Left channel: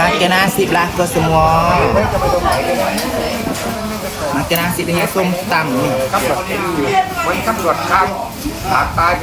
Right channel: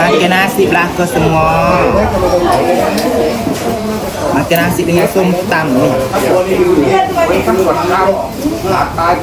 Makan nasi belaka semua. Makan nasi dengan som tam ni. ไม่ตำรวจเข้าหาตายไป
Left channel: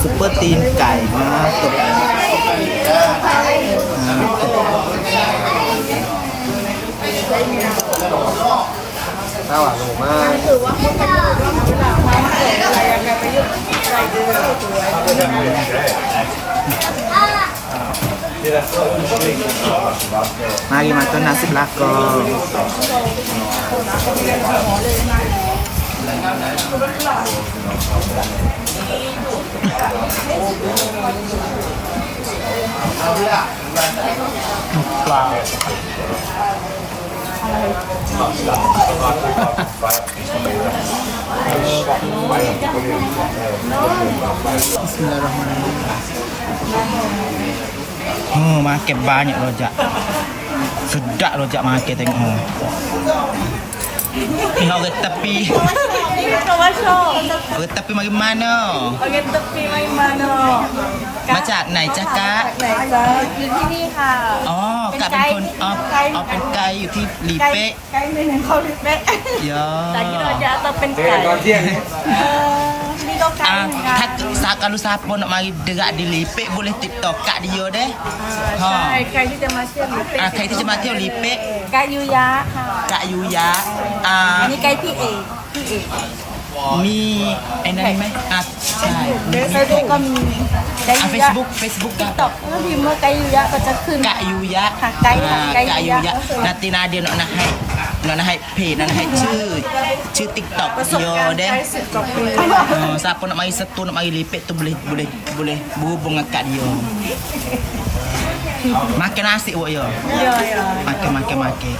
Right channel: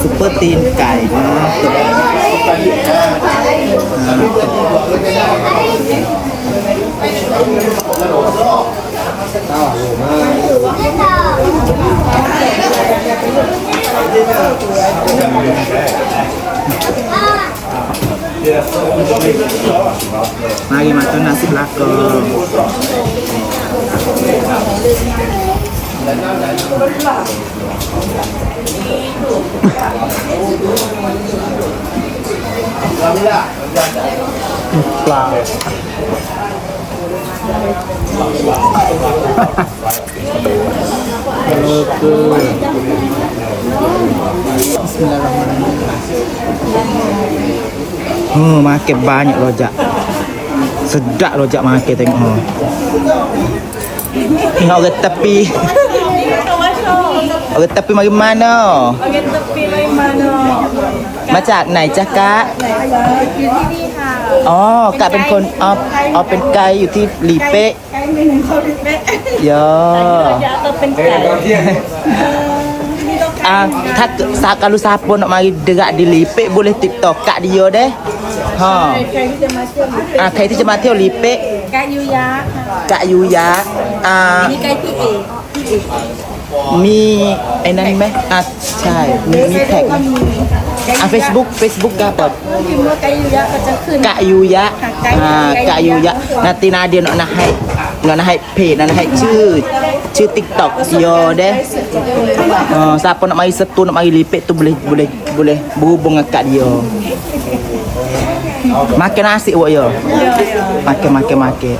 ซุปเปอร์ตีนไก่นะตกตกข้าวหมูมากมากี่มาต้นนาสิบลักก็ Oh, market banyak rojak. Sedap rojak market tengok. Oh. Ni orang tepi. Orang tepi mari mana? Oke, tepi main mana? มาจากไหนจ๊ะกะไหนจ๊ะอยู่ที่นี่ค่ะ อ๋อกะเป็นคนอ๋ออ๋อเป็นไกด์อยู่ที่ลีเป๊ะไกด์ไม่หนึ่งเขาดิเป๊ะเยอแต่ที่เราะจะต้องเป็นเด็กไก่ตอนเที่ยงเออมีต้องไก่ Ah, เหมือนกัน tak sa kalau siapa nak mari dekat di Lipek boleh TikTok kat dia deh. ใช่ Ha. ใครที่จะมาเที่ยวลิเป๊ะ Ah, ใครที่จะมาเที่ยวลีเป๊ะ ไก่ยูยะค่ะกะยูยะอ่าอันนี้ไก่พี่เอกพี่เอกมีไอ้นั่นไหมอะใช่มีมีเฟซแท็บุ๊กกก็มีไก่อะ Facebook Facebook ก็แบบพิมพ์ว่าไก่ยูยะก็จะขึ้นกะยูยะค่ะไกด์อ่าไกด์กะยู ยะ nanti Nadia nak nak hai nak nak hai page nak nak hai ชื่อชื่อ TikTok dia deh ไก่สุดกับคน Uh, siapa nak mari setu nak mari lipik tu boleh boleh boleh berhubung dengan kat dia. Makan nasi buat ya. เยอะเยอะ Makan makan makan.